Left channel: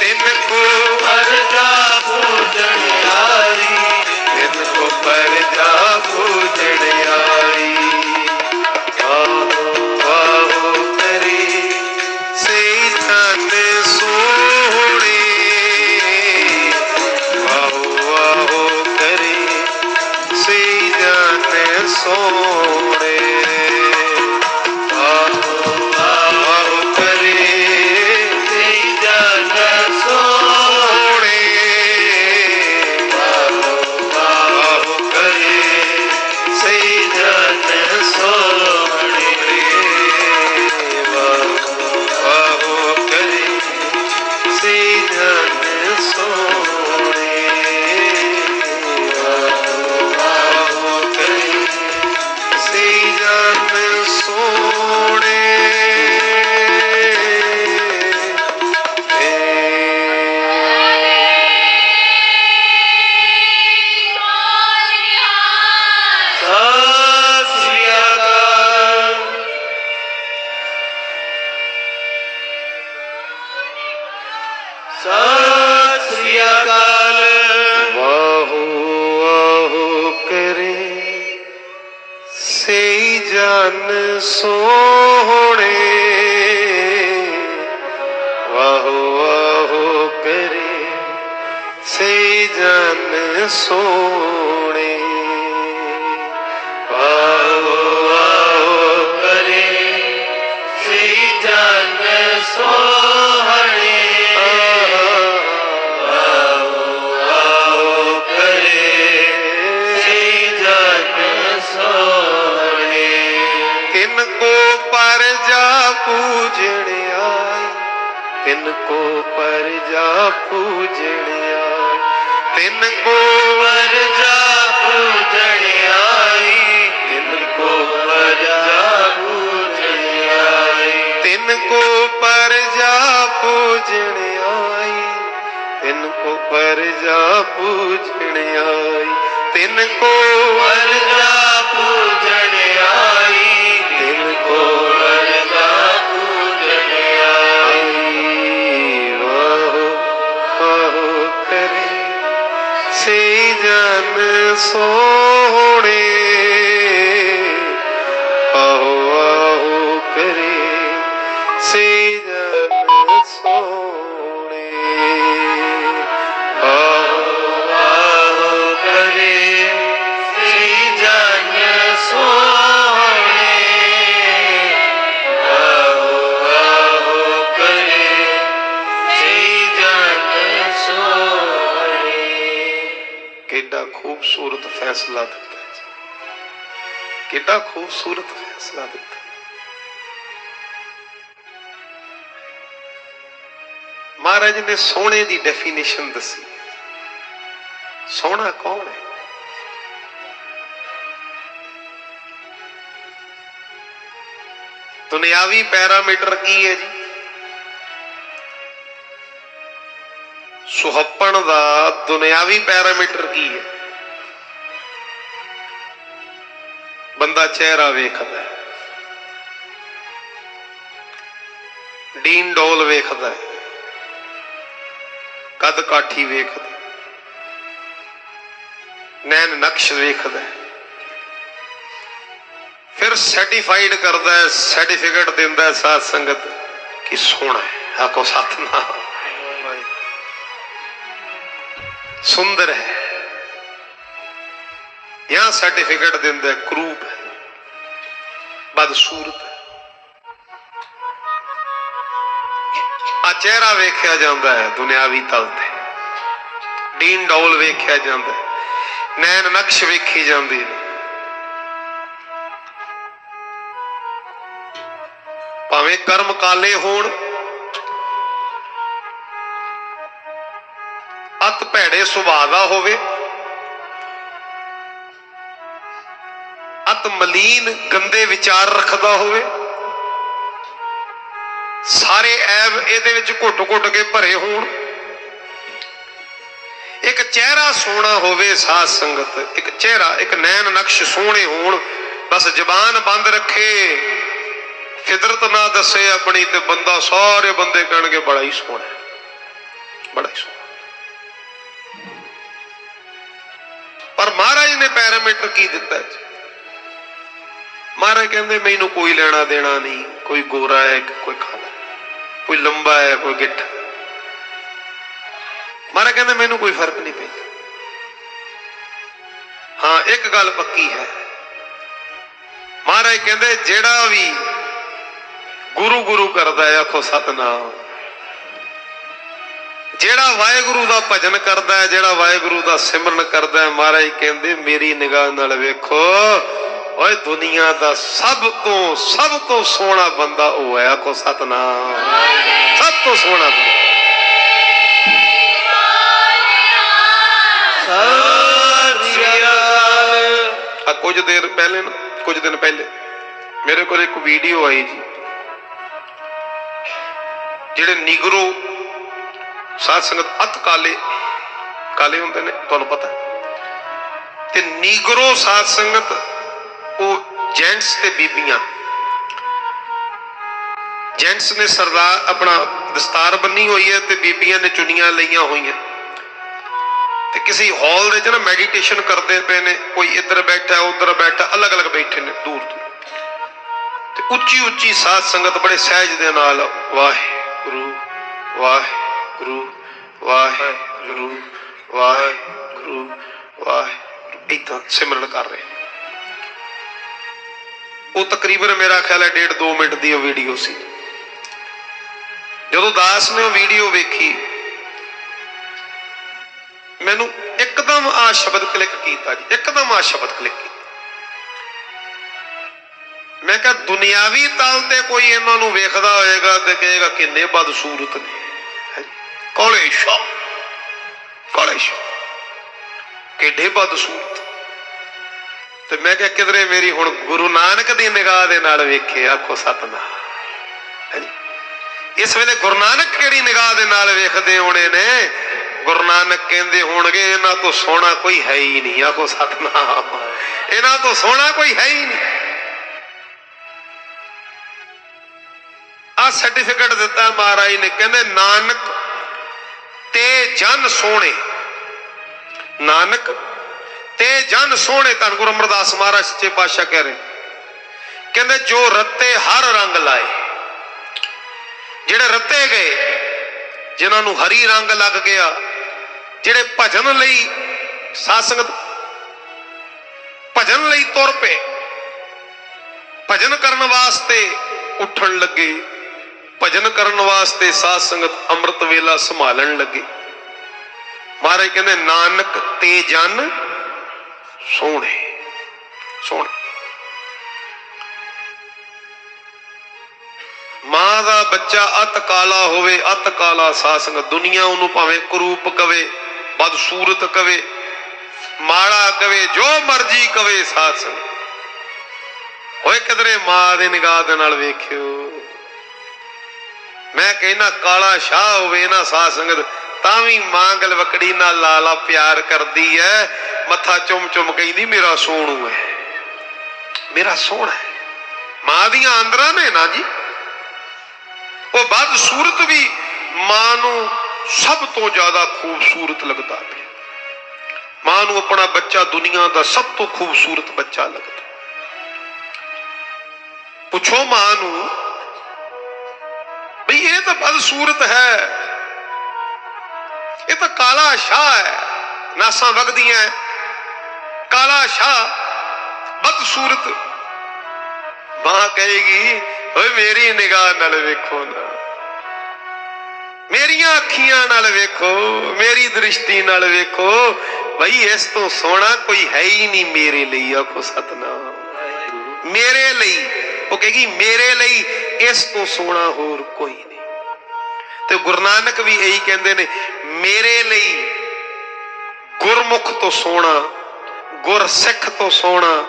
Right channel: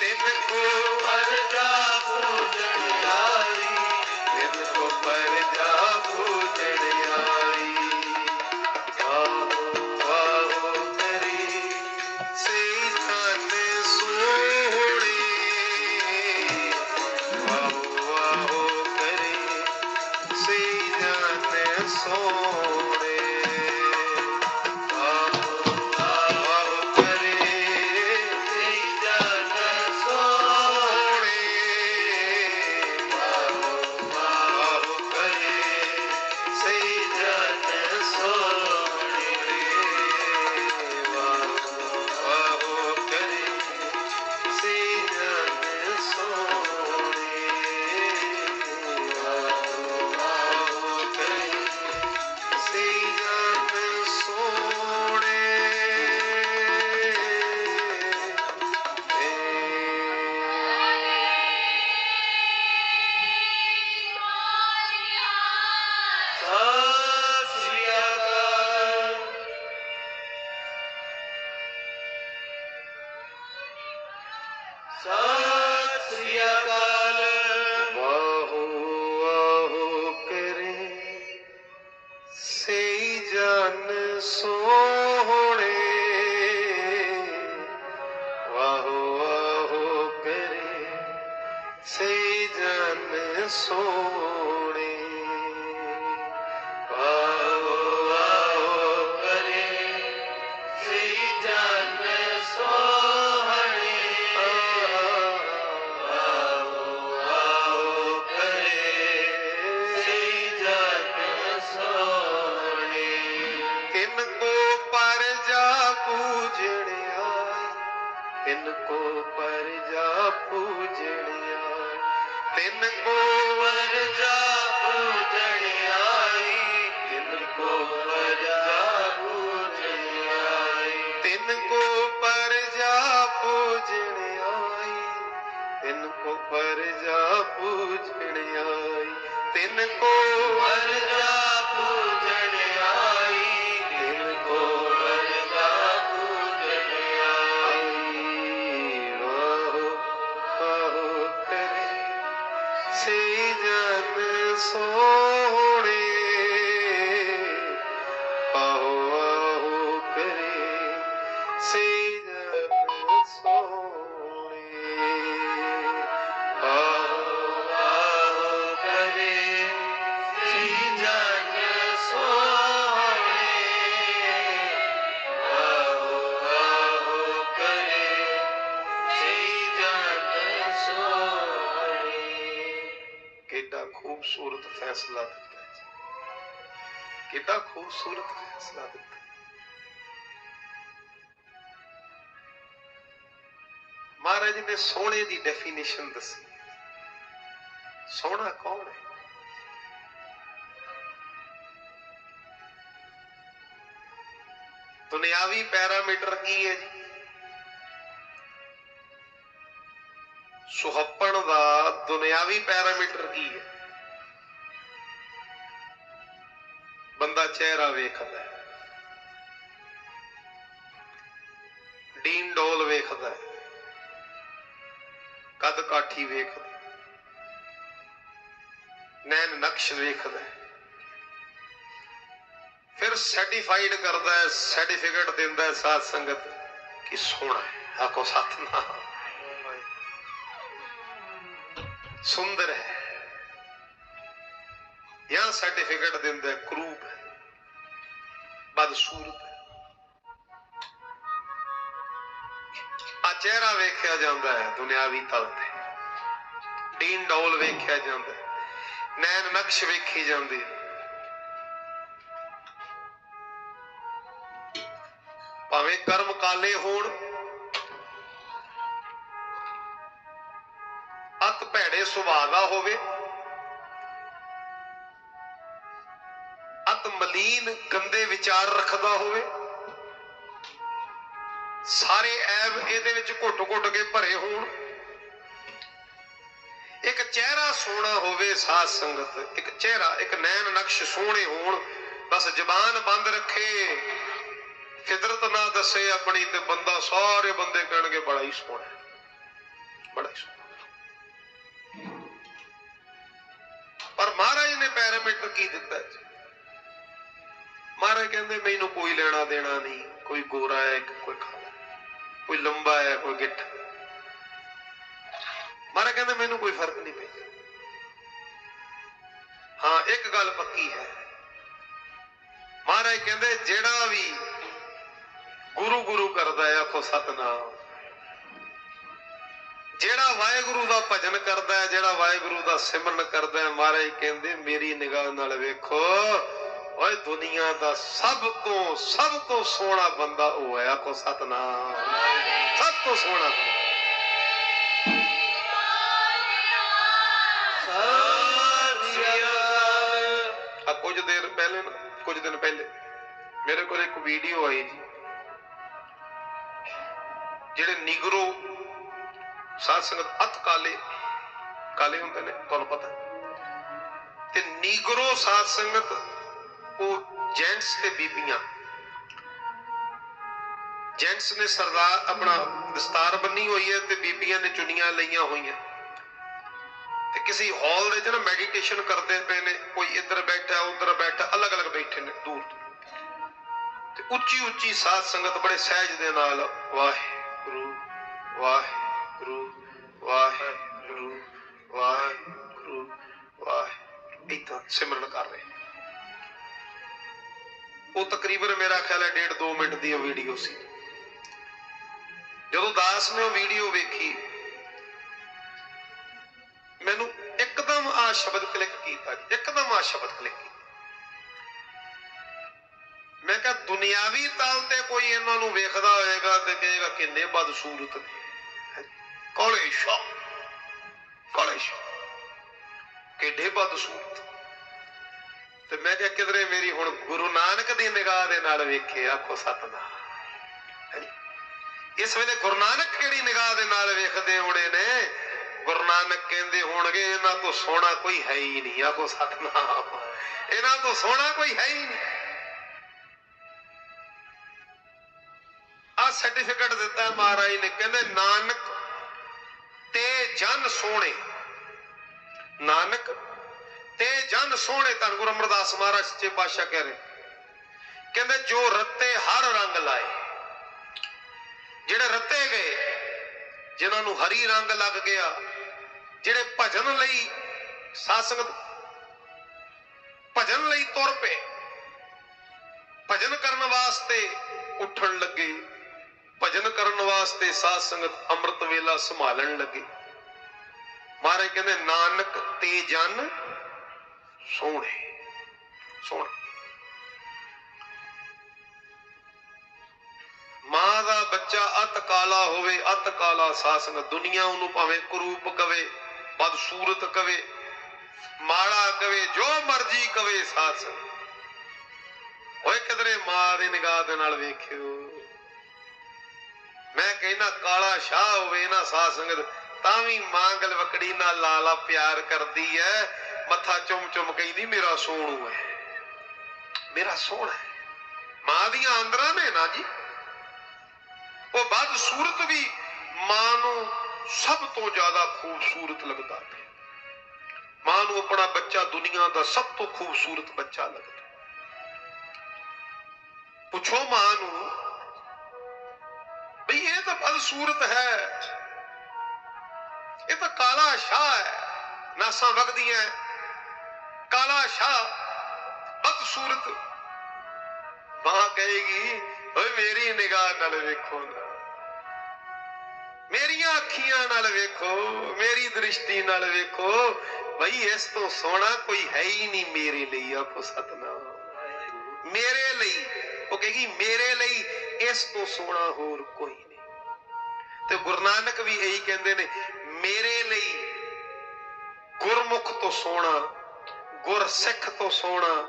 ਤਿੰਨ ਕੋ ਪਰਜਾ ਪੂਜਣ ਆਈ ਤਿਨ ਕੋ ਪਰਜਾ ਪੂਜਣ ਆਈ আহো আহো করে সেই জান সোড়ে ਤਿੰਨ ਕੋ ਪਰ ਜਾ ਪੂਜਣਿਆ, ਤਿੰਨ ਕੋ ਪਰਜਾ ਪੂਜਣਿਆ ਤਿੰਨ ਕੋ ਪਰਜਾ ਪੂਜਣਿਆ ਤਿੰਨ ਕੋ ਪਰ ਪਰਜਾ ਪੂਜਣਿਆ ਤਿੰਨ ਕੋ ਪਰ ਪਰਜਾ ਪੂਜਣਿਆ ਤਿੰਨ ਕੋ ਜਾ ਪੂਜਣਿਆ soul. ਖੂਬਸੂਰਤ ਫੈਸਲਾ ਦਿੱਤਾ ਕਿੱਡਾ ਖੂਬਸੂਰਤ ਫੈਸਲਾ ਦਿੱਤਾ ਮਹਾਰਾਜ ਨੇ ਸੋਹਣੇ ਦੀ ਡੈਫੀਨੇਸ਼ਨ ਦੱਸੀ। ਸੋਹਣਾ ਕੌਣ ਹੈ? ਦੁਨਿਆਵੀ ਪੈਰਾਮੀਟਰ ਕੀ ਹੈ ਜੀ? ਸੁਹੱਪਣ ਦਾ ਦੁਨਿਆਵੀ ਪੈਰਾਮੀਟਰ ਕੀ ਹੈ? ਬੰਦਾ ਚਿਹਰਾ ਵੇਖਦਾ ਡੀਨ ਡੋਲ ਵੇਖਦਾ ਕਦ ਕਾਠੀ ਵੇਖਦਾ। ਨੈਣ ਨਕਸ਼ ਵੇਖਦਾ। ਫਿਰ ਸਰਟੀਫਾਈਡ ਕਰਦਾ ਹੈ ਸਰਟੀਫਿਕੇਟ ਦਿੰਦਾ ਹੈ ਸਾਧ ਸੰਗਤ ਕਿ ਸੋਹਣਾ ਹੈ ਆਕੋ ਸਤਨਾਮ। ਸੁੰਦਰ ਹੈ। ਯਾ ਸਰਟੀਫਿਕੇਟ ਦਿੰਦਾ ਹੈ ਕਰੂਪ ਹੈ, ਬਦਸੂਰਤ ਆ ਚਿਹਰਾ ਵੇਖਿਆ ਜਾਂਦਾ ਹੈ, ਦੁਨਿਆਵੀ ਤਲ ਤੇ। ਡੀਨ ਡੌਲ ਵੇਖਿਆ ਜਾਂਦਾ ਹੈ, ਨੈਣ ਨਕਸ਼ ਵੇਖੀ ਜਾਂਦੀ ਹੈ। ਭਾਵੇਂ ਕਰਮ ਕਾਲੇ ਹੋਣ ਅਤ ਭੈੜੇ ਸੁਭਾਅ ਦਾ ਹੋਵੇ ਨਿਤ ਮਲੀਨ ਗੰਦੇ ਵਿਚਾਰ ਰੱਖਦਾ ਹੋਵੇ। ਸਾਰੇ ਐਬ ਇਹਦੇ ਵਿੱਚ ਘੁੱਟ-ਘੁੱਟ ਕੇ ਭਰੇ ਹੋਣ। ਇੱਕ ਚਿਹਰਾ ਸੋਹਣਾ ਹੋਵੇ ਸਾਧ ਸੰਗਤ, ਇੱਕ ਚਿਹਰਾ, ਇੱਕ ਨੈਣ ਨਕਸ਼ ਸੋਹਣੇ ਹੋਣ। ਬਸ ਜ਼ਬਾਨ ਬੰਦ ਰੱਖੇ ਫਿਦਰਤ ਨਾ ਦੱਸੇ ਆਪਣੀ ਤੇ ਬੰਦਾ ਸਾਰੇ ਬੰਦੇ ਕਹਿਣਗੇ, ਬੜਾ ਹੀ ਸੋਹਣਾ ਬੜਾ ਹੀ ਸੋਹਣਾ ਪਰ ਮਹਾਰਾਜ ਨੇ ਪੈਰਾਮੀਟਰ ਕੀ ਦਿੱਤਾ ਜੀ ਮਹਾਰਾਜ ਕਹਿੰਦੇ, ਮੈਨੂੰ ਕੋਈ ਲੈਣਾ ਦੇਣਾ ਨਹੀਂ, ਕੋਈ ਗੋਰਾ ਹੈ ਕੋਈ ਕਾਲਾ ਕੋਈ ਲੰਬਾ ਹੈ, ਕੋਈ ਗਿੱਠ ਮਹਾਰਾਜ ਕਹਿੰਦੇ, ਮੈਨੂੰ ਕੋਈ ਫ਼ਰਕ ਨਹੀਂ ਪੈਂਦਾ। ਹਾਂ, ਇੱਕ ਗੱਲ ਪੱਕੀ ਹੈ। ਮਹਾਰਾਜ ਕਹਿੰਦੇ, ਜਿਹੜਾ ਵੀ ਗੁਰੂ ਗੁਰੂ ਕਰਦਾ ਹੈ, ਆਖੋ ਸਤਨਾਮ। ਜਿਹੜਾ ਵਾਹਿਗੁਰੂ ਦਾ ਭਜਨ ਕਰਦਾ ਹੈ, ਜਿਹੜਾ ਵਾਹਿਗੁਰੂ ਦਾ ਸਿਮਰਨ ਕਰਦਾ ਹੈ, ਮਹਾਰਾਜ ਕਹਿੰਦੇ, ਮੇਰੀ ਨਿਗਾਹ ਨਾਲ ਵੇਖੋ ਓਏ ਦੁਨੀਆ ਦਾ ਸਭ ਤੋਂ ਸਭ ਤੋਂ ਸੋਹਣਾ ਬੰਦਾ ਉਹ ਹੈ, ਆਖੋ ਸਤਨਾਮ। ਸਭ ਤੋਂ ਸੋਹਣਾ ਬੰਦਾ। ਆ ਕੁਝ ਦੇਰ ਪਹਿਲੇ ਨਾ, ਕੁਝ ਦਿਨ ਪਹਿਲੇ, ਮੇਰੇ ਕੋਲ ਇੱਕ ਵੀਡੀਓ ਆਈ ਜੀ। ਜਿਹੜੇ ਨਿਗਰੋ ਸਾਧ ਸੰਗਤ ਅਤ ਕਾਲੇ ਕਾਲੇ ਹੁੰਦੇ ਨੇ, ਤੁਹਾਨੂੰ ਪਤਾ। ਤੇ ਨੀਗਰੋ ਸਾਧ ਸੰਗਤ ਉਹ ਜੈਂਟਸ ਤੇ ਬੀਬੀਆਂ। ਜੈਂਟਸ ਨੇ ਸਰਦਾਰ ਆਪਣਾ ਦਸਤਾਰ ਬੰਨੀ ਹੋਈ ਹੈ ਤੇ ਬੀਬੀਆਂ ਨੇ ਚੁੰਨੀਆਂ ਲਈਆਂ ਹੋਈਆਂ। ਤੇ ਕਿਸੇ ਹਾਲ ਦੇ ਚ ਨਾ ਮੈਡੀਟੇਸ਼ਨ ਕਰਦੇ ਪਏ ਨੇ, ਕੋਈ ਇੱਧਰ ਬੈਠਾ, ਉੱਧਰ ਬੈਠਾ, ਅਲੱਗ-ਅਲੱਗ ਬੈਠੇ ਨੇ ਦੂਰ ਦੂਰ ਤੇ ਉੱਚੀ ਉੱਚੀ ਸਾਧ ਸੰਗਤ ਬੜੇ ਸਹਿਜ ਦੇ ਨਾਲ ਵਾਹਿਗੁਰੂ ਵਾਹਿਗੁਰੂ ਵਾਹਿਗੁਰੂ ਵਾਹਿਗੁਰੂ ਵਾਹਿਗੁਰੂ, ਇਦਾਂ ਸਿਮਰਨ ਕਰ ਰਹੇ ਉਹ ਤਕਰੀਬਨ ਮੇਰਾ ਖਿਆਲ ਹੈ ਡੇਢ 2 ਮਿੰਟ ਦੀ ਉਹ ਵੀਡੀਓ ਸੀ। ਜਦੋਂ ਦਾਸ ਨੇ ਉਹ ਵੀਡੀਓ ਵੇਖੀ, ਮੈਨੂੰ ਇੱਕਦਮ ਆ ਸ਼ਬਦ ਕਲਿੱਕ ਕੀਤਾ ਜੀ, ਇੱਕਦਮ ਆ ਸ਼ਬਦ ਕਲਿੱਕ ਕੀਤਾ। ਮੈਂ ਕਿਹਾ, ਦੁਨਿਆਵੀ ਤਾਲ ਤੇ ਕੋਈ ਇਹਨਾਂ ਨੂੰ ਵੇਖਦਾ ਹੋਏਗਾ ਤੇ ਕਹੇਗਾ, ਕਿੰਨੇ ਬਦਸੂਰਤ ਨੇ। ਕੋਲੇ ਸ਼ਾ ਕੋਲੇ ਸ਼ਾ। ਕਿੱਡੇ ਬਦਸੂਰਤ। ਤੇ ਮੈਂ ਕਿਹਾ, ਕਿਧਰੇ ਮੇਰੀ ਹੁਣ ਗੁਰੂ ਨਾਨਕ ਦੀ ਨਿਗਾਹ ਦੇ ਨਾਲ ਵੇਖੇ, ਆਖੋ ਸਤਨਾਮ। ਇਸ ਵੇਲੇ ਗੁਰੂ ਨਾਨਕ ਕਿਹੜੀ ਨਿਗਾਹ ਦੇ ਨਾਲ ਵੇਖਦੇ ਹੋਣੇ ਨੇ? ਗੁਰੂ ਨਾਨਕ ਕਹਿੰਦੇ ਹੋਣਗੇ, ਇਹਨਾਂ ਤੋਂ ਸੋਹਣਾ ਕੋਈ ਹੈ ਹੀ ਨਹੀਂ, ਆਖੋ ਸਤਨਾਮ। ਇਹਨਾਂ ਤੋਂ ਸੋਹਣਾ ਕੋਈ ਹੈ ਹੀ ਨਹੀਂ। ਆ ਸਰਟੀਫਿਕੇਟ ਦਿੱਤਾ ਮਹਾਰਾਜ ਨੇ, ਕਹਿੰਦੇ, ਨਾਨਕ ਤੇ ਜਨ ਸੋਹਣੇ। ਨਾਨਕ ਤੇ ਜਨ ਸੋਹਣੇ ਧੰਨ ਗੁਰੂ ਅਮਰਦਾਸ ਮਹਾਰਾਜ ਸੱਚੇ ਪਾਤਸ਼ਾਹ ਕਹਿ ਰਹੇ। ਕਹਿੰਦੇ, ਜੋ ਰੱਤੇ ਹਰ ਰੰਗ ਲਾਏ, ਜਿਹੜੇ ਰੱਤੇ ਗਏ, ਜਿਨ੍ਹਾਂ ਨੂੰ ਹਰੀ ਰੰਗ ਲੱਗ ਗਿਆ, ਜਿਹੜੇ ਭਜਨ ਲਈ ਸਾਧ ਸੰਗਤ ਭਜਨ ਲਈ ਤੁਰ ਪਏ, ਭਜਨ ਕਰਨ ਵਾਸਤੇ ਉੱਠਣ ਲੱਗੇ, ਭਜਨ ਕਰਨ ਵਾਸਤੇ ਸਾਧ ਸੰਗਤ ਅੰਮ੍ਰਿਤ ਵੇਲਾ ਸੰਭਾਲਣ ਲੱਗੇ। ਮਹਾਰਾਜ ਕਹਿੰਦੇ, ਨਾਨਕ ਤੇ ਜਨ ਸੋਹਣੇ ਸੋਹਣੇ। ਮਾਂ ਦਾ ਬੱਚਾ ਅਤ ਕਾਲਾ ਹੋਵੇ, ਅਤ ਕਾਲਾ ਸਾਧ ਦੁਨੀਆ ਉਹਨੂੰ ਭਾਵੇਂ ਕਰੂਪ ਕਵੇ, ਬਦਸੂਰਤ ਕਵੇ, ਮਾੜਾ ਕਵੇ, ਜੋ ਮਰਜ਼ੀ ਕਵੇ ਸਾਧ ਸੰਗਤ ਓਏ ਕਿਧਰੇ ਮਾਂ ਦੇ ਨਿਗਾਹ ਦੇ ਨਾਲ ਵੇਖਿਓ। ਮੈਂ ਕਹਿੰਦਾ ਕਾਲਾ ਸ਼ਾਹ ਹੋਵੇ ਨਾ ਸਾਧ ਸੰਗਤ ਤਾਂ ਵੀ ਮਾਂ ਗਲਵਕੜੀ ਨਾਲ ਲਾਲਾ ਪਿਆਰ ਕਰਦੀ ਐ। ਮੱਥਾ ਚੁੰਮ ਚੁੰਮ ਕਹਿੰਦੀ, ਮੇਰਾ ਸੋਹਣੂ ਹੈ। ਮੇਰਾ ਸੋਹਣਾ ਹੈ। ਮਾਂ ਦੀਆਂ ਅੰਦਰਾਂ ਨੇ ਨਾ ਜੀ। ਉਹ ਬਦ ਸੂਰਤ ਵੀ ਮਾਂ ਨੂੰ ਸਭ ਤੋਂ ਜ਼ਿਆਦਾ ਖੂਬਸੂਰਤ ਲੱਗਦਾ ਪਿਆ। ਮਾਂ ਨੂੰ ਆਪਣਾ ਬੱਚਾ ਦੁਨੀਆ ਦਾ ਸਭ ਤੋਂ ਖੂਬਸੂਰਤ ਬੱਚਾ ਲੱਗਦਾ। ਪੁੱਛੋ ਮਾਂ ਨੂੰ ਬਈ ਇਹ ਤਾਂ ਬਦਸੂਰਤ ਹੈ। ਇਹ ਤਾਂ ਕਾਲਾ ਸ਼ਾਹ ਹੈ। ਨਾਸਾਂ ਵਗਦੀਆਂ ਕਾਲਾ ਸ਼ਾਹ ਬਦਸੂਰਤ ਮਾਂ ਕਹੇਗੀ ਓਏ ਮੇਰੀ ਨਿਗਾਹ ਨਾਲ ਵੇਖੋ ਨਾ ਮੇਰੀਆਂ ਅੱਖੀਆਂ ਨਾਲ ਵੇਖੋ ਮੇਰੀ ਦ੍ਰਿਸ਼ਟੀ ਨਾਲ ਵੇਖੋ ਬਈ ਇਸ ਤੋਂ ਸੋਹਣਾ ਕੋਈ ਹੈ ਹੀ ਨਹੀਂ ਮੇਰੇ ਲਈ ਆਖੋ ਸਤਨਾਮ ਮੇਰੇ ਲਈ ਉਹ ਕਹੇਗੀ ਮੇਰੇ ਲਈ ਇਸ ਤੋਂ ਸੋਹਣਾ ਹੋਰ ਕੋਈ ਨਹੀਂ ਤੇ ਗੁਰੂ ਨਾਨਕ ਵੀ ਇਹੀ ਕਹਿੰਦੇ ਨੇ ਮੇਰੇ ਲਈ ਗੁਰਮੁਖ ਤੋਂ ਸੋਹਣਾ ਗੁਰਸਿੱਖ ਤੋਂ ਸੋਹਣਾ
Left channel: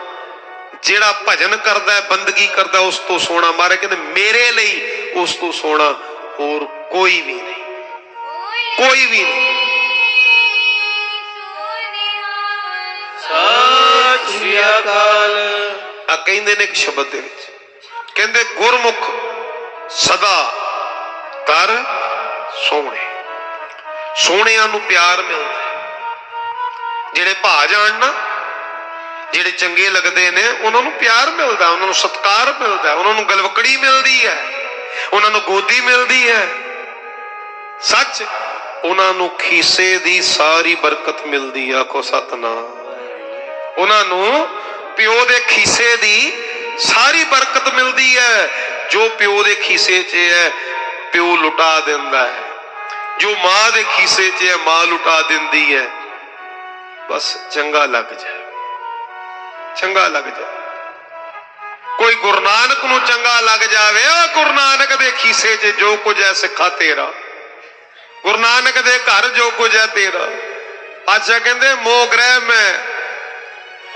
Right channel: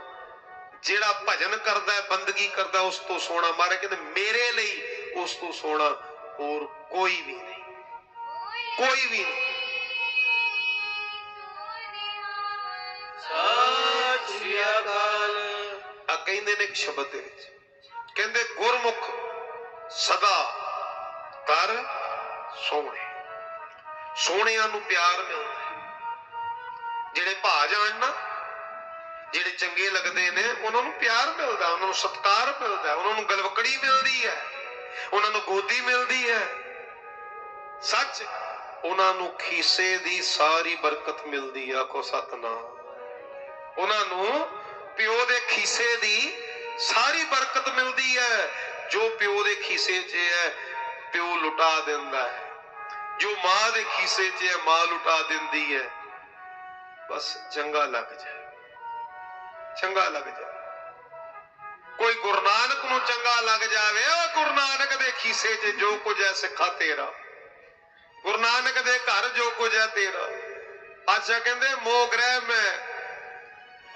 ਜਿਹੜਾ ਭਜਨ ਕਰਦਾ ਹੈ ਬੰਦਗੀ ਕਰਦਾ ਉਸ ਤੋਂ ਸੋਹਣਾ। ਮਾਰੇ ਕਹਿੰਦੇ ਮੇਰੇ ਲਈ ਉਸ ਤੋਂ ਸੋਹਣਾ ਹੋਰ ਕੋਈ ਵੀ ਨਹੀਂ। ਕੋਈ ਵੀ ਨਹੀਂ। ਸ੍ਰੀ ਅਕਾਲ। ਆ ਕਹਿੰਦੇ ਨੇ ਇੱਕ ਸ਼ਬਦ ਦੇ ਵਿੱਚ। ਕਹਿੰਦੇ ਗੁਰਮੁਖ ਸਦਾ ਕਰ ਸੋਹਣੇ। ਸੋਹਣਿਆਂ ਨੂੰ ਪਿਆਰ ਮਿਲਦਾ। ਜਿਹੜੇ ਭਾ ਜਾਣ ਨਾ ਜਿਹੜੇ ਚੰਗੇ ਲੱਗਦੇ ਨੇ, ਉਹਨਾਂ ਨੂੰ ਪਿਆਰ ਮਿਲਦਾ, ਉਹਨਾਂ ਨੂੰ ਸਤਿਕਾਰ ਮਿਲਦਾ, ਉਹਨਾਂ ਨੂੰ ਗਲਵਕੜੀ ਮਿਲਦੀ ਹੈ, ਉਹਨਾਂ ਨੂੰ ਗੋਦੀ ਮਿਲਦੀ ਹੈ। ਸੱਚ, ਉਹਨਾਂ ਨੂੰ ਖੀਸੇ ਦੀ ਸਾਰੀ ਬਰਕਤ ਮਿਲਦੀ ਆ, ਆਖੋ ਸਤਨਾਮ। ਉਹਨਾਂ ਨੂੰ ਪਿਓ ਦੇ ਖੀਸੇ ਦੀ ਸਾਰੀ ਬਰਕਤ ਮਿਲਦੀ ਹੈ। ਜੋ ਪਿਓ ਦੇ ਖੀਸੇ 'ਚ ਹੈ, ਪਿਓ ਲੁਟਾ ਦਿੰਦਾ ਹੈ। ਜੋ ਮਾਂ ਦੇ ਖੀਸੇ 'ਚ ਹੈ, ਮਾਂ ਲੁਟਾ ਦਿੰਦੀ ਹੈ। ਬਸ ਚੰਗਾ ਲੱਗ ਜਾਏ। ਚੰਗਾ ਲੱਗ ਜਾਏ। ਕੋਈ ਗੁਰੂ ਨਾਨਕ ਨੂੰ ਚੰਗਾ ਲੱਗ ਜਾਵੇ, ਆ ਗੁਰੂ ਨਾਨਕ ਦੇ ਖੀਸੇ 'ਚ ਜੋ ਕੁਝ ਹੈ ਸਿੱਖਾ ਤੇਰਾ। ਗੁਰੂ ਨਾਨਕ ਦੇ ਘਰ ਜੋ ਕੁਝ ਹੈ ਤੇਰਾ। ਅੱਛਾ ਕਹਿੰਦੇ, ਮੋਹ ਗ੍ਰਹਿ ਮੈਂ,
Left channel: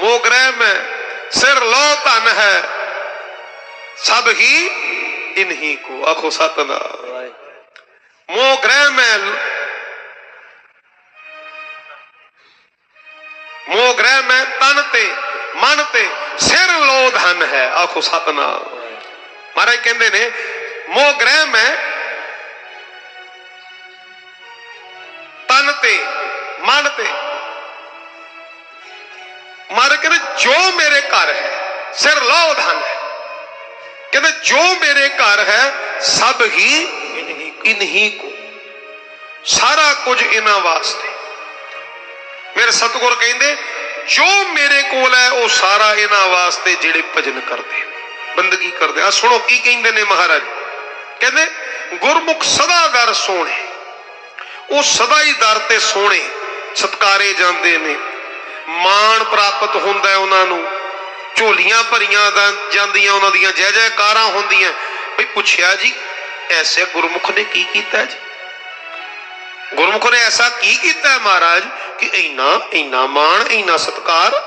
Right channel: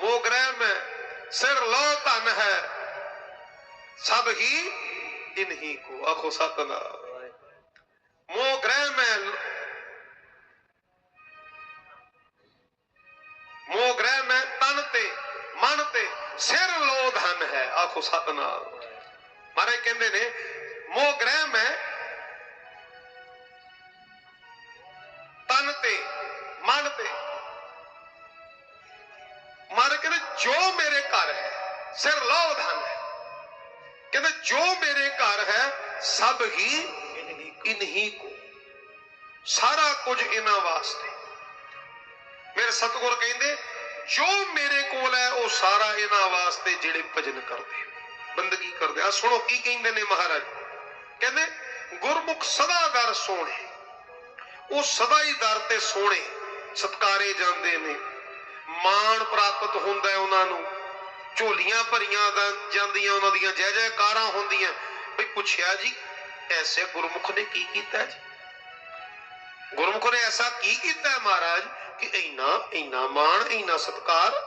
ਮੋਹ ਗ੍ਰਹਿ ਮੈਂ, ਸਿਰ ਲੋ ਧਨ ਹੈ। ਸਭ ਹੀ ਇਨਹੀ ਕੋ, ਆਖੋ ਸਤਨਾਮ। ਮੋਹ ਗ੍ਰਹਿ ਮੈਂ, ਮੋਹ ਗ੍ਰਹਿ ਮੈਂ ਤਨ ਤੇ। ਮਨ ਤੇ ਸਿਰ ਲੋ ਧਨ ਹੈ। ਆਖੋ ਸਤਨਾਮ। ਮਹਾਰਾਜ ਕਹਿੰਦੇ ਨੇ, ਮੋਹ ਗ੍ਰਹਿ ਮੈਂ ਤਨ ਤੇ, ਮਨ ਤੇ। ਮਹਾਰਾਜ ਕਹਿੰਦੇ, ਜੋ ਮੇਰੇ ਘਰ ਹੈ, ਸਿਰ ਲੋ ਧਨ ਹੈ। ਕਹਿੰਦੇ, ਜੋ ਮੇਰੇ ਘਰ ਹੈ, ਸਭ ਹੀ ਇਨਹੀ ਕੋ। ਸਾਰਾ ਕੁਝ ਇਹਨਾਂ ਵਾਸਤੇ। ਮੇਰੇ ਸਤਿਗੁਰ ਕਹਿੰਦੇ ਜੋ ਮੇਰੇ ਕੋਲ ਹੈ, ਉਹ ਸਾਰਾ ਇਹਨਾਂ ਵਾਸਤੇ ਜਿਹੜੇ ਭਜਨ ਕਰਦੇ ਬੰਦਗੀ ਕਰਦੇ ਆ ਸੁਣੋ ਕੀ ਕਹਿੰਦੇ ਨੇ ਮਹਾਰਾਜ। ਕਹਿੰਦੇ, ਗੁਰਮੁਖ ਸਦਾ ਦਰ ਸੋਹਣੇ। ਉਹ ਸਦਾ ਹੀ ਦਰ ਤੇ ਸੋਹਣੇ ਸਤਕਾਰੇ ਜਾਂਦੇ ਨੇ। ਮਾਣ ਪ੍ਰਾਪਤ ਹੁੰਦਾ ਹੈ ਉਹਨਾਂ ਨੂੰ। ਝੋਲੀਆਂ ਭਰੀਆਂ ਜਾਂਦੀਆਂ ਉਹਨਾਂ ਦੀਆਂ ਜੈ ਜੈਕਾਰਾਂ ਹੁੰਦੀਆਂ। ਵੀ ਪੁੱਛਿਆ ਜੀ, ਐਸੇ ਗੁਰਮੁਖ ਨੇ ਕੀ ਕੀਤਾ ਜੀ? ਗੁਰਮੁਖ ਨੇ ਐਸਾ ਕੀ ਕੀਤਾ ਮਹਾਰਾਜ? ਕਿ ਇੰਨਾ ਇੰਨਾ ਮਾਣ ਇੰਨਾ ਸਤਕਾਰ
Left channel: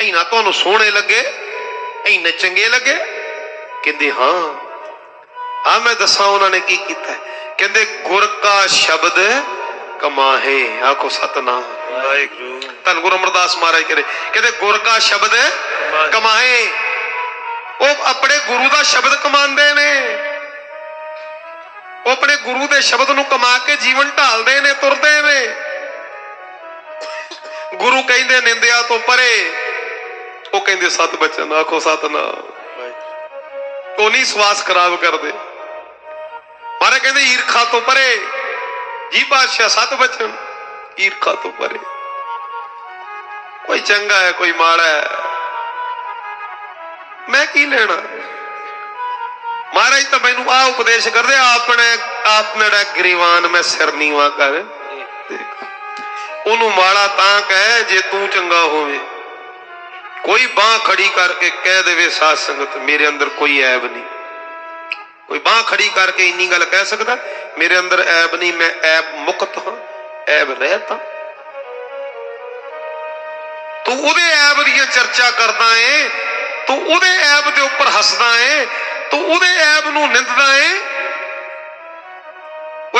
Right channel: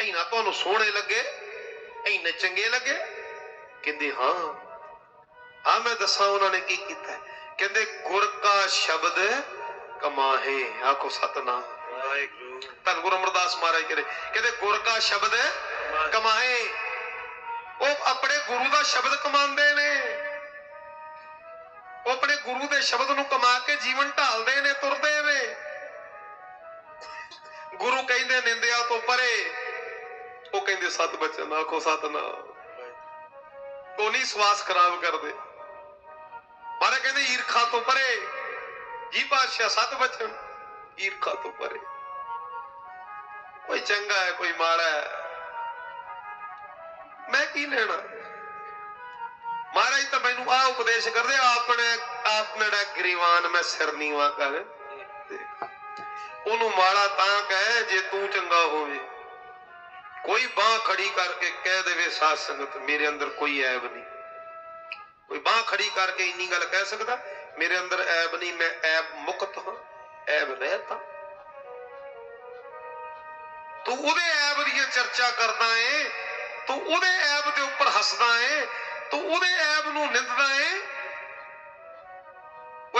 ਇੰਨਾ ਤੁਹਾਨੂੰ ਸੋਹਣੇ ਲੱਗੇ ਇੰਨੇ ਚੰਗੇ ਲੱਗੇ। ਕਹਿੰਦੇ ਹਾਂ। ਆ ਮੈਂ ਦੱਸਾਂ ਉਹਨਾਂ ਨੇ ਕੀ ਕੀਤਾ। ਕਹਿੰਦੇ ਗੁਰ ਕਾ ਸ਼ਬਦ ਕਮਾਹੇ ਆਖੋ ਸਤਨਾਮ। ਵਾਹਿਗੁਰੂ। ਧੰਨ ਗੁਰੂ ਅਮਰਦਾਸ ਮਹਾਰਾਜ ਕਰੇ। ਕਹਿੰਦੇ ਗੁਰ ਕਾ ਸ਼ਬਦ ਕਮਾਏ ਉਹ ਆਪਣੇ ਗੁਰੂ ਦਾ ਸ਼ਬਦ ਕਮਾਉਂਦੇ ਨੇ। ਉਹ ਆਪਣੇ ਗੁਰੂ ਦੇ ਸ਼ਬਦ ਨੂੰ ਕਮਾ ਕੇ ਜੀਵਨ ਢਾਲਦੇ ਨੇ ਤੁਰਦੇ ਨੇ। ਗੁਰੂ ਕਹਿੰਦੇ ਨਿੰਦਿਆ ਤੋਂ ਪਰੇ। ਉਹ ਕਹਿੰਦੇ, ਸਤ ਬਚਨ, ਆਖੋ ਸਤਨਾਮ। ਉਹ ਨਹੀਂ ਸਵਾਸ ਖਰਾਬ ਕਰਦੇ। ਮਾਰੇ ਕਹਿੰਦੇ, ਈਰਖਾ ਤੋਂ ਪਰੇ। ਜੀ ਬਾਦਸ਼ਾਹ ਸਤ ਬਚਨ, ਈਰਖਾ ਤੋਂ ਪਰੇ। ਕੋਈ ਚੰਗਾ ਹੈ, ਕੋਈ ਮਾੜਾ ਹੈ। ਮੈਂ ਕੀ ਲੈਣਾ? ਮਹਾਰਾਜ ਤਾਂ ਮੈਨੂੰ ਆ ਉਪਦੇਸ਼ ਕਰਦੇ, ਆਪਣੇ ਆਪ ਨੜਾ ਗਰੀਵਾਨ ਮੈਂ ਸਿਰ ਨੀਵਾ ਕਰ। ਦੇਖ। ਉਹਨੂੰ ਮਾੜਾ ਤਾਂ ਕਹਿ ਜੇ ਤੂੰ ਚੰਗਾ ਹੋਵੇ। ਕੋਈ ਬਾਹ ਖੜੀ ਕਰਕੇ ਕਹਿ ਦੇਵੇ, ਸਾਧ ਸੰਗਤ, ਮੇਰੇ ਅੰਦਰ ਕੋਈ ਐਬ ਨਹੀਂ। ਕੋਈ ਬਾਹ ਖੜੀ ਕਰਕੇ ਇੰਨੀ ਗੱਲ ਕਹਿ ਸਕਦਾ, ਮੇਰੇ ਅੰਦਰ ਐਬ ਨਹੀਂ, ਮੈਂ ਐਬ ਮੁਕਤ ਹਾਂ, ਐਬ ਰਹਿਤ ਹਾਂ। ਤੂੰ ਉਹਦੇ ਐਬ ਦੀਆਂ ਚਰਚਾ ਕਰਦਾ ਏ, ਤੂੰ ਉਹਦੇ ਐਬ ਦੇ ਉੱਪਰ ਹੱਸਦਾ ਏ, ਤੂੰ ਉਹਦੇ ਐਬ ਨੂੰ ਨਿੰਦਦਾ ਏ।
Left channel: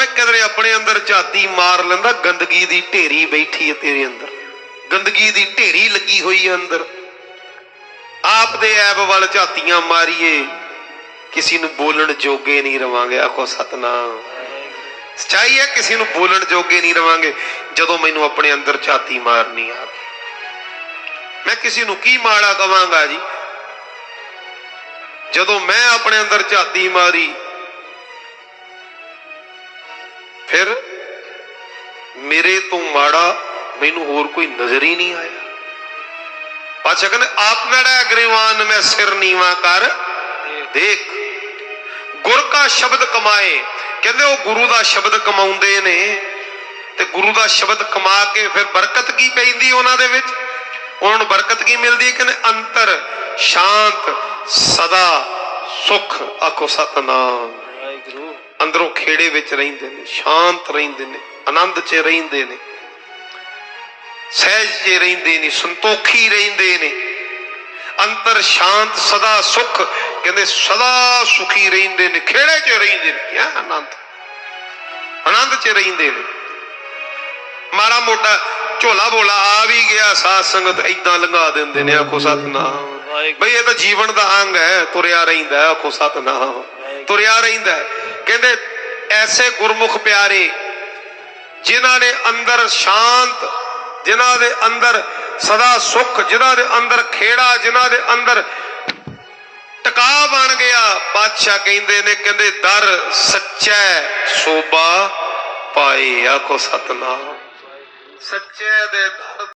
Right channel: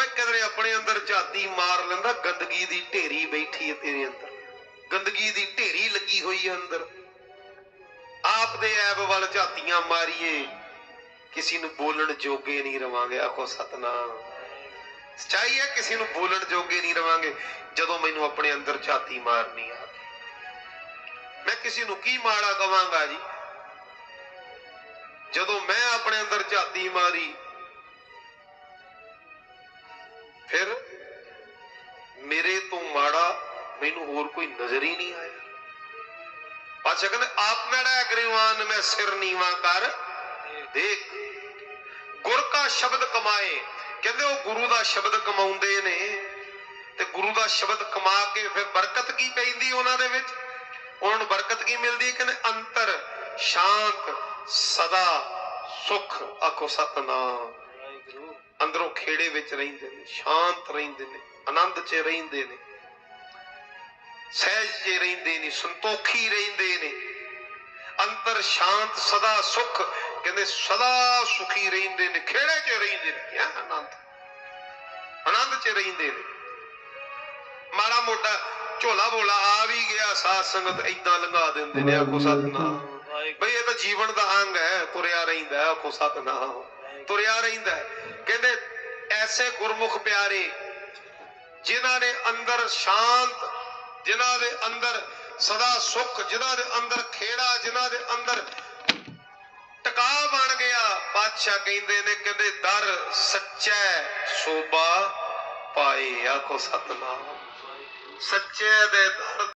ਓਏ ਕਿਧਰੇ ਆਪਣੇ ਅੰਦਰ ਝਾਤੀ ਮਾਰ ਲੈਂਦਾ, ਗੰਦਗੀ ਦੀ ਢੇਰੀ ਬੈਠੀ ਹੈ ਤੇਰੇ ਅੰਦਰ। ਗੰਦਗੀ ਦੀ ਢੇਰੀ ਲੱਗੀ ਹੋਈ ਹੈ ਅੰਦਰ। ਆਪ ਦੇ ਐਬ ਵੱਲ ਝਾਤੀਆਂ ਮਾਰੀਏ, ਕਿਸੇ ਨੂੰ ਬੋਲਣ ਜੋਗੇ ਨਹੀਂ ਰਵਾਂਗੇ। ਆਖੋ, ਸਤਨਾਮ। ਸਚਾਈ ਹੈ, ਕਿਸੇ ਨੂੰ ਬੋਲਣ ਜੋਗੇ ਨਹੀਂ ਰਵਾਂਗੇ। ਜਦੋਂ ਮੈਨੂੰ ਆਪਣੇ ਅੰਦਰ ਝਾਤੀ ਮਾਰਨੀ ਆ। ਮੈਂ ਕਿਸੇ ਨੂੰ ਕੀ ਮਾੜਾ ਕਵਾਂਗਾ ਜੀ? ਜਦੋਂ ਮੈਂ ਆਪਣੇ ਅੰਦਰ ਝਾਤੀ ਮਾਰੀ ਫਿਰ ਮੇਰੇ ਤੋਂ ਮਾੜਾ ਮੈਨੂੰ ਹੋਰ ਕੋਈ ਨਜ਼ਰ ਹੀ ਨਹੀਂ ਆਇਆ। ਪਾਛਾ ਕਹਿੰਦੇ, ਆਪ ਨੜਾ ਮੈਂ ਸਿਰ ਨੀਵਾ ਕਰ। ਦੇਖ, ਗੁਰ ਕਾ ਸ਼ਬਦ ਕਮਾਏ। ਕਹਿੰਦੇ, ਉਹ ਗੁਰੂ ਦਾ ਸ਼ਬਦ ਕਮਾਉਂਦੇ ਨੇ। ਤੇ ਗੁਰੂ ਦਾ ਸ਼ਬਦ ਕਮਾ ਕੇ ਫਿਰ ਬਰਕਤ ਕੀ ਪੈਂਦੀ ਉਹਨਾਂ ਦੇ ਵਿੱਚ? ਉਹਨਾਂ ਨੂੰ ਬਰਕਤ ਕੀ ਮਿਲਦੀ ਹੈ? ਕਹਿੰਦੇ, ਅੰਤਰ, ਸ਼ਾਂਤ, ਸਦਾ ਸੁਖ ਆਖੋ ਸਤਨਾਮ। ਅੰਦਰੋਂ ਖੇੜੇ ਵਿੱਚ ਰਹਿੰਦੇ ਨੇ ਸ਼ਾਂਤ ਰਹਿੰਦੇ ਨੇ ਆਨੰਦ 'ਚ ਰਹਿੰਦੇ ਨੇ। ਸਹਿਜ 'ਚ ਰਹਿੰਦੇ ਨੇ ਸੰਤੋਖੀ ਰਹਿੰਦੇ ਨੇ। ਅੰਤਰ ਸ਼ਾਂਤ ਸਦਾ ਸੁਖ ਕਹਿੰਦੇ ਸਦਾ ਸੁਖੀ ਰਹਿੰਦੇ ਨੇ ਖੇੜੇ 'ਚ ਰਹਿੰਦੇ ਨੇ। ਕਿਆ ਆਨੰਦ। ਆਨੰਦ 'ਚ ਰਹਿੰਦੇ ਨੇ। ਮਾੜਾ ਮੋਟਾ ਝੋਲਾ ਬੋਲਾ ਆ ਵੀ ਗਿਆ ਸਾਧ ਸੰਗਤ ਇਦਾਂ ਲੰਘਾ ਦਿੰਦੇ ਨੇ ਆਖੋ ਸਤਨਾਮ। ਬਈ ਇਹ ਤਾਂ ਜੀਵਨ ਦਾ ਅੰਗ ਹੈ ਤੁਰਿਆ ਰਹਿੰਦਾ ਆਖੋ ਸਤਨਾਮ। ਤੁਰਿਆ ਰਹਿੰਦਾ। ਕਹਿੰਦੇ, ਐਸੇ ਗੁਰਮੁਖ ਪਿਆਰੇ, ਜਿਨ੍ਹਾਂ ਨੇ ਅੰਦਰ ਸ਼ਾਂਤ, ਜਿਨ੍ਹਾਂ ਦੇ ਅੰਦਰ ਸਦਾ ਸੁੱਖ, ਜਿਨ੍ਹਾਂ ਦੇ ਅੰਦਰ ਖੇੜਾ, ਜਿਨ੍ਹਾਂ ਦੇ ਅੰਦਰ ਟਿਕਾ ਬਣ ਗਿਆ, ਬਾਦਸ਼ਾਹ ਕਹਿੰਦੇ ਨੇ, ਕਹਿੰਦੇ, ਦਰ ਸੱਚਾ ਸੋਭਾ ਪਾਏ ਆਖੋ ਸਤਨਾਮ। ਸੱਚੇ ਦੇ ਦਰ